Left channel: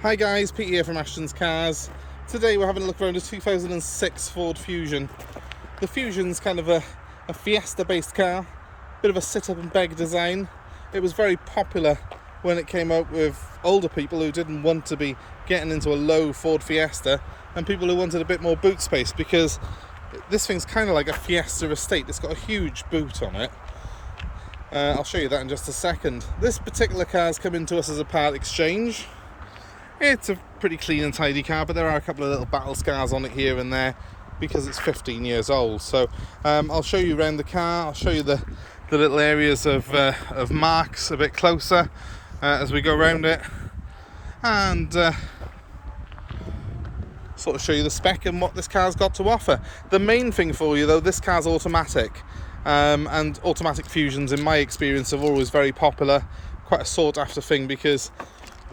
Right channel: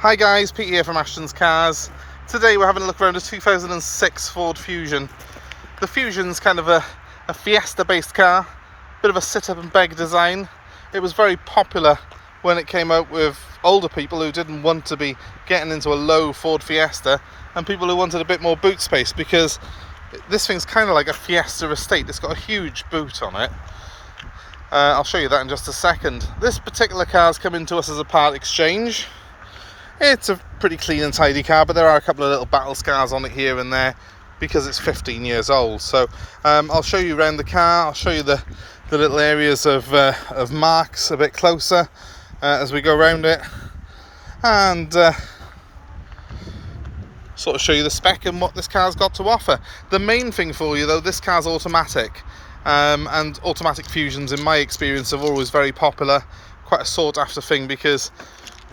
Hi guys, Pete here from Ashton's Cars. Today we're having a look around a 2006 Ford Fusion. The Fusion's kind of a fiesta based car, bit of a sit up and beg design. It was very popular when it came out with older people who didn't want to be getting into a low Ford Fiesta and people who wanted a bit more boot space, because this thing's kind of like a Fiesta estate. It's got a huge boot on it. I'll show you that in just a second. This particular car's come into us as a part exchange. It's a pretty clean and tidy car, but there are a couple of little battle scars on it here and there because it's 15 years old. So I'll show you around the car. I'll show you the little areas of marks a bit closer as we go around it, and sort of show you the spec and what this car's got to offer. The main thing for you though, this car's automatic, and automatic Fusions in my experience are always very popular, quite a sought after thing, because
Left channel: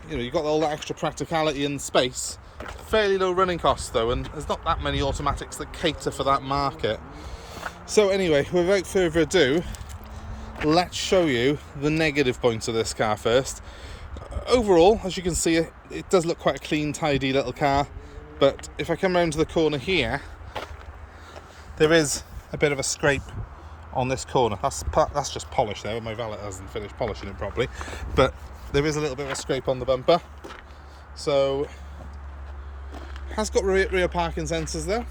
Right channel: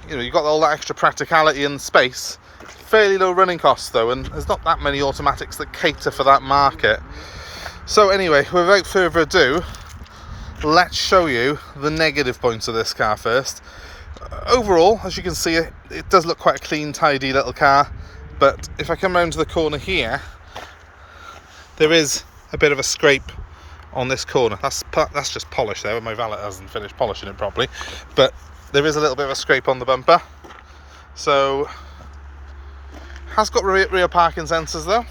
you know, you've got all that extra practicality and space. Fairly low running costs though, and there's not that many automatics that cater for that market. So anyway, without further ado, let's show you the negative points of this car first. Overall, as you can see, it does look quite a clean, tidy little car, but if I come round to the corner here, there is a bit of a scrape on this corner. That's just polish there, my valet hasn't finished polishing it properly, but there is a little bit of a scrape on the bumper. So has got rear parking sensors though,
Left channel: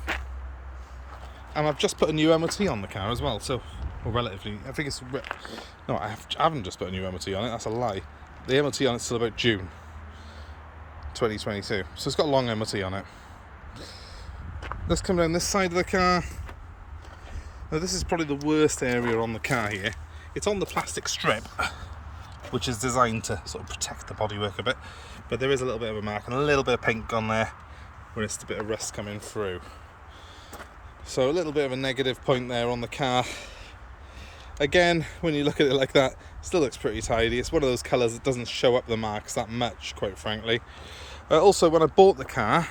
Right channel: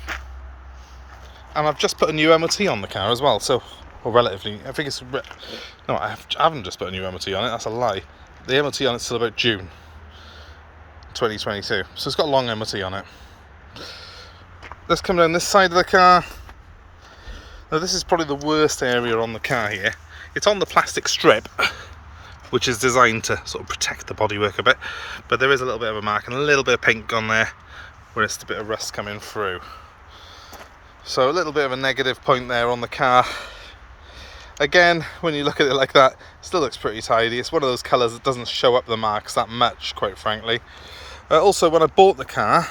and I've just put a new MOT on the car as well. So, or relatively, I think it's no, I haven't just put a new MOT on it. That's a lie. The MOT on it's still about June 2022. So it's got a long MOT on it. Let's come down this side of the car. Now this is probably the worst area on the car here. It's on the plastic strip, which is designed to sort of protect the bodywork a bit, but there is a little bit of a mark and a little bit of paint on there where it's a bit of rust coming through. So a little bit of a negative point there on the car. Again, when you look at it like that, it still looks pretty tidy. It's one of those colours that doesn't show up the marks that much, quite frankly. Also, when I bought the car,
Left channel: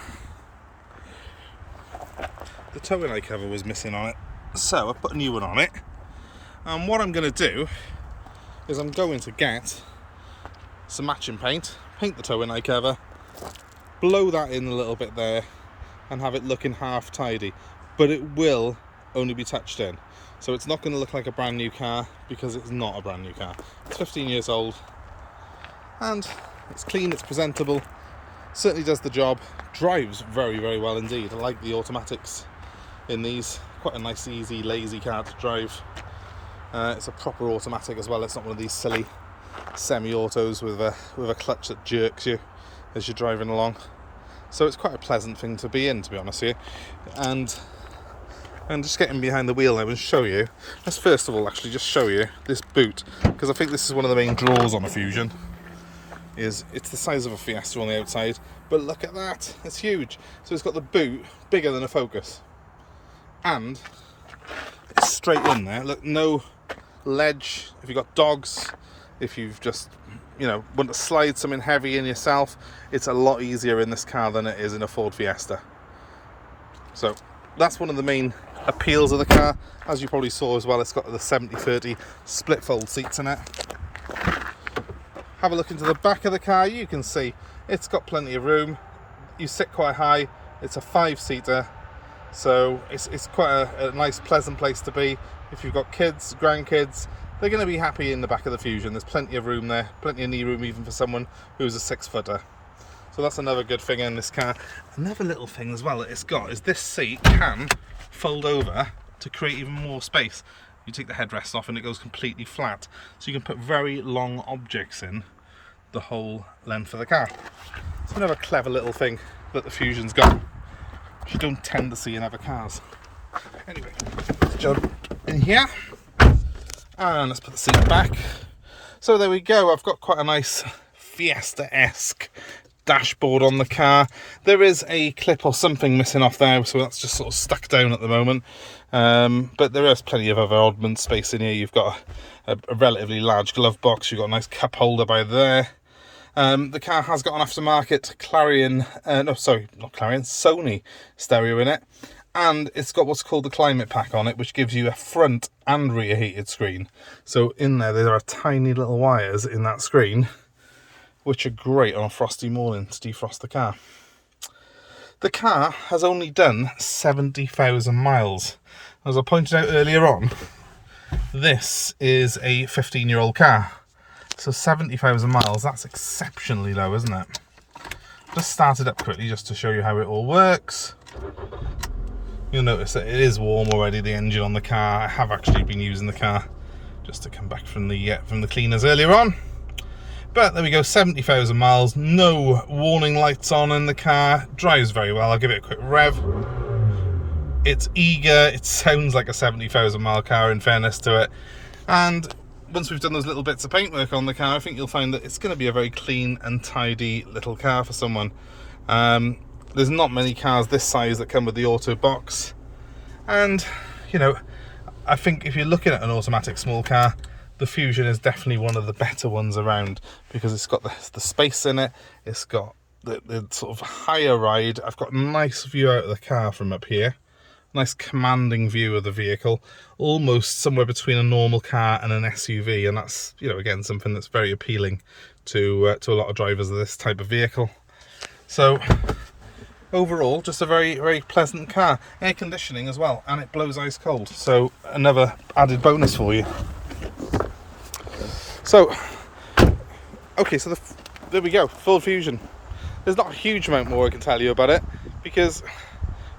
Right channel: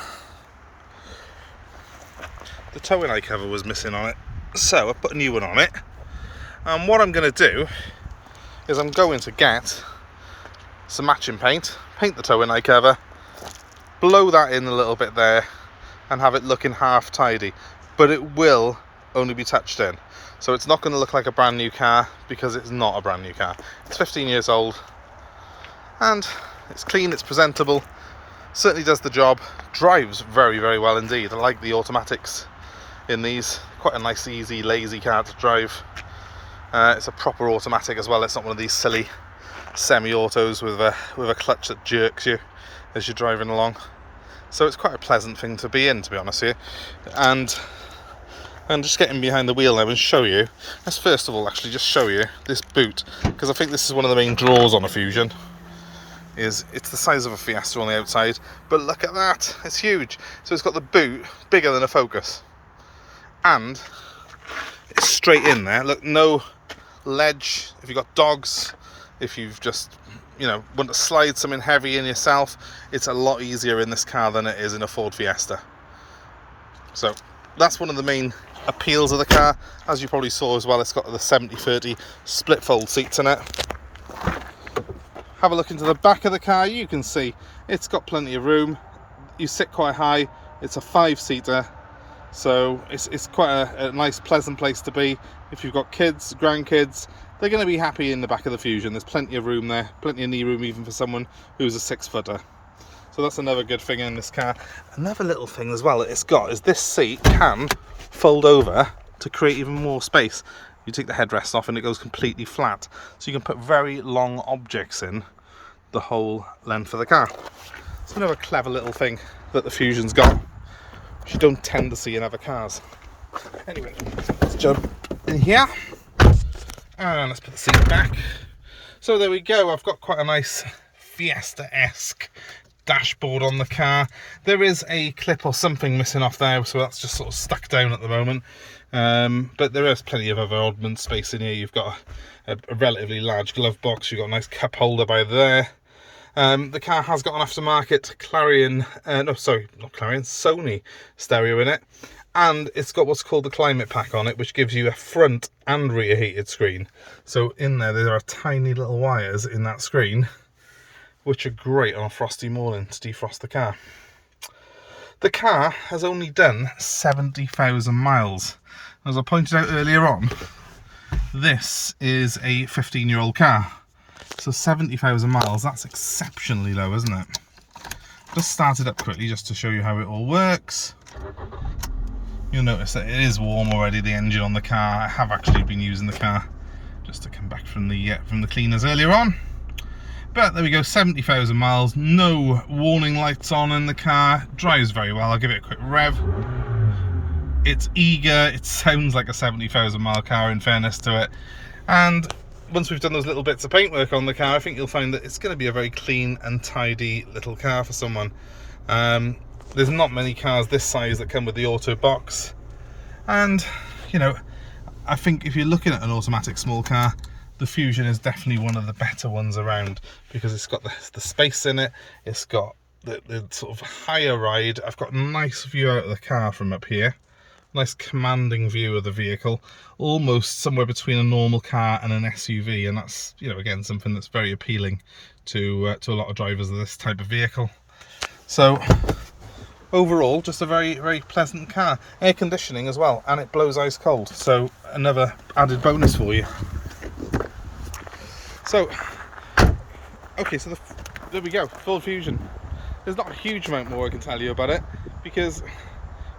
the towing eye cover was missing on it, so I put a new one on it. And what I'm going to do is I'm going to get some matching paint, paint the towing eye cover, blow that in a little bit there, and have it looking half tidy. But it will only be touched in, so it's not going to look like a brand new car, because it's not a brand new car. It's 15 years old, and it's clean, it's presentable, certainly does the job, drives very, very well indeed. I like the automatics in these. Quite a nice, easy, lazy car to drive. It's a proper automatic as well. It's not one of these silly semi-autos with a clutch that jerks you as you're driving along. So it's quite a pleasant thing to be in, to be honest with you. And just getting behind the wheel now and show you. Let's first of all actually just show you this boot, because I think this is one of the main draws on a Fusion. It's the size of a Fiesta on the outside, but look at that, it's huge. So it's got the boot bigger than a Focus, and it's straight in there. Look, no ledge. If you've got dogs, if you've just, you know, want to slide something heavy in yourself, it's a lot easier in this car than it is in a Ford Fiesta. So that's one of the main appeals of the car. As you probably saw as well, it's got the 70/30 split fold seats in it. Have a look into the back of the car. You can see it's got plenty of room. You sit quite high. It's a 5-seater. So it's quite a nice, pleasant place to be. If you've got kids, grandkids, they're going to be happy in the back of the Fusion. There's plenty of room there, plenty of knee room even for someone who's a 6-footer. So that's another good thing in this car. Another little thing as well that it's got is this seat can fold over to create even more space. You take the headrest off and it goes completely flat. So you can put very long objects in the whole length of the car. It's another clever little thing that the Fusion's got, which you don't tend to see in other cars. Anyway, let's jump in here and let's put the seat back. So there we go. I've got quite a nice Fiesta-esque dashboard on the car. There is a clip or something missing off there, so that's just sort of stuck down at the moment. But there is plenty of other oddment space in here. You've got a relatively large glove box. You've got a nice cup holder by there. The car has got an aftermarket Sony stereo in it, and it's got what's called the climate pack on it, which gives you a front and rear heated screen. So in there are tiny little wires in that screen which are great on a frosty morning to defrost the car. The car has only done 70,000 miles. As I pointed out earlier on, this is a 15-year-old car. So 70,000 miles, that's exceptionally low, isn't it? Just start it up quickly just to show you how it all works. You'll notice that it is warm already, the engine on the car. I have actually been using the car just to come back from the cleaners earlier on. But there we go, 70,000 miles, no warning lights on in the car, drives very well. I'll give it a quick rev. It's eager, it sounds like a 70,000 mile car in fairness to it. And once we've done those little bits of paintwork on the car, I think you'll find that it's going to be a very clean and tidy little car for someone. There's not many cars this size that come with the auto box. And, you know, I think if you're looking at an automatic small car, the Fusion is definitely one of the better ones around, because it's got the space in it, it's got the sort of higher ride. I've got a nice view out of the car from up here, nice commanding view of the vehicle, almost somewhere between a normal car and an SUV, and that's, you know, again, something that's very appealing to a lot of drivers of this type of vehicle. So overall, just a very, very pleasant car. Air conditioning as well, and it blows ice cold, so another added bonus for you. So, okay, so there we go, Ford Fusion. There's not a huge amount more I can tell you about it, because,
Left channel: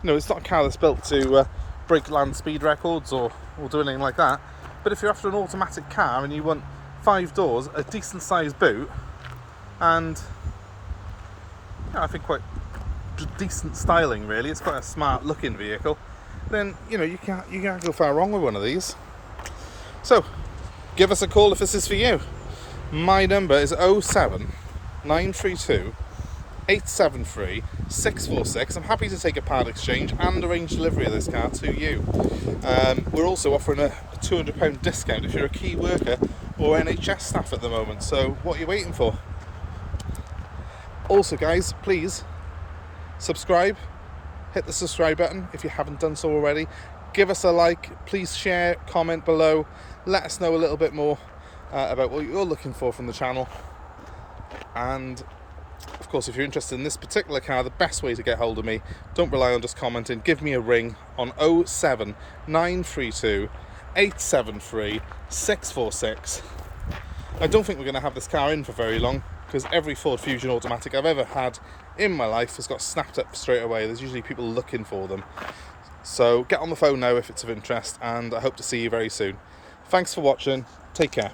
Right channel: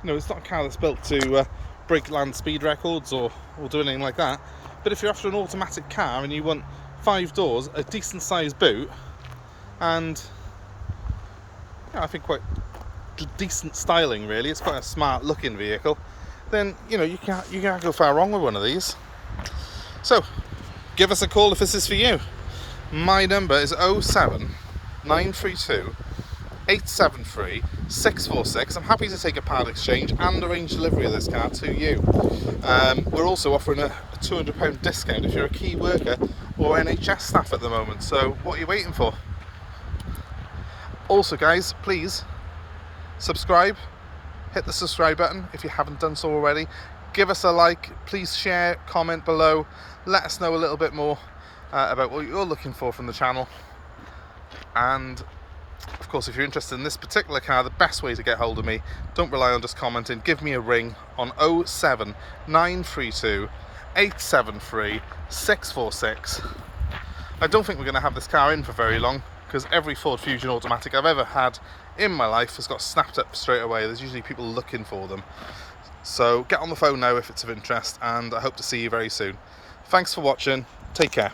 you know, it's not a car that's built to break land speed records or do anything like that. But if you're after an automatic car and you want 5 doors, a decent sized boot, and, you know, I think quite decent styling really, it's quite a smart looking vehicle, then, you know, you can't go far wrong with one of these. So give us a call if this is for you. My number is 07932 873 646. I'm happy to take a part exchange and arrange delivery of this car to you. We're also offering a £200 discount if you're a key worker or NHS staff at the moment, so what are you waiting for? Also guys, please subscribe, hit the subscribe button if you haven't done so already. Give us a like, please share, comment below, let us know a little bit more about what you're looking for from the channel. And of course, if you're interested in this particular car, the best way to get hold of me, don't rely on just commenting, give me a ring on 07932 873 646. I don't think we're going to have this car in for very long, because every Ford Fusion automatic I've ever had in my life has got snapped up straight away. There's usually people looking for them. So get on the phone now if it's of interest, and I hope to see you very soon. Thanks for watching. Take care.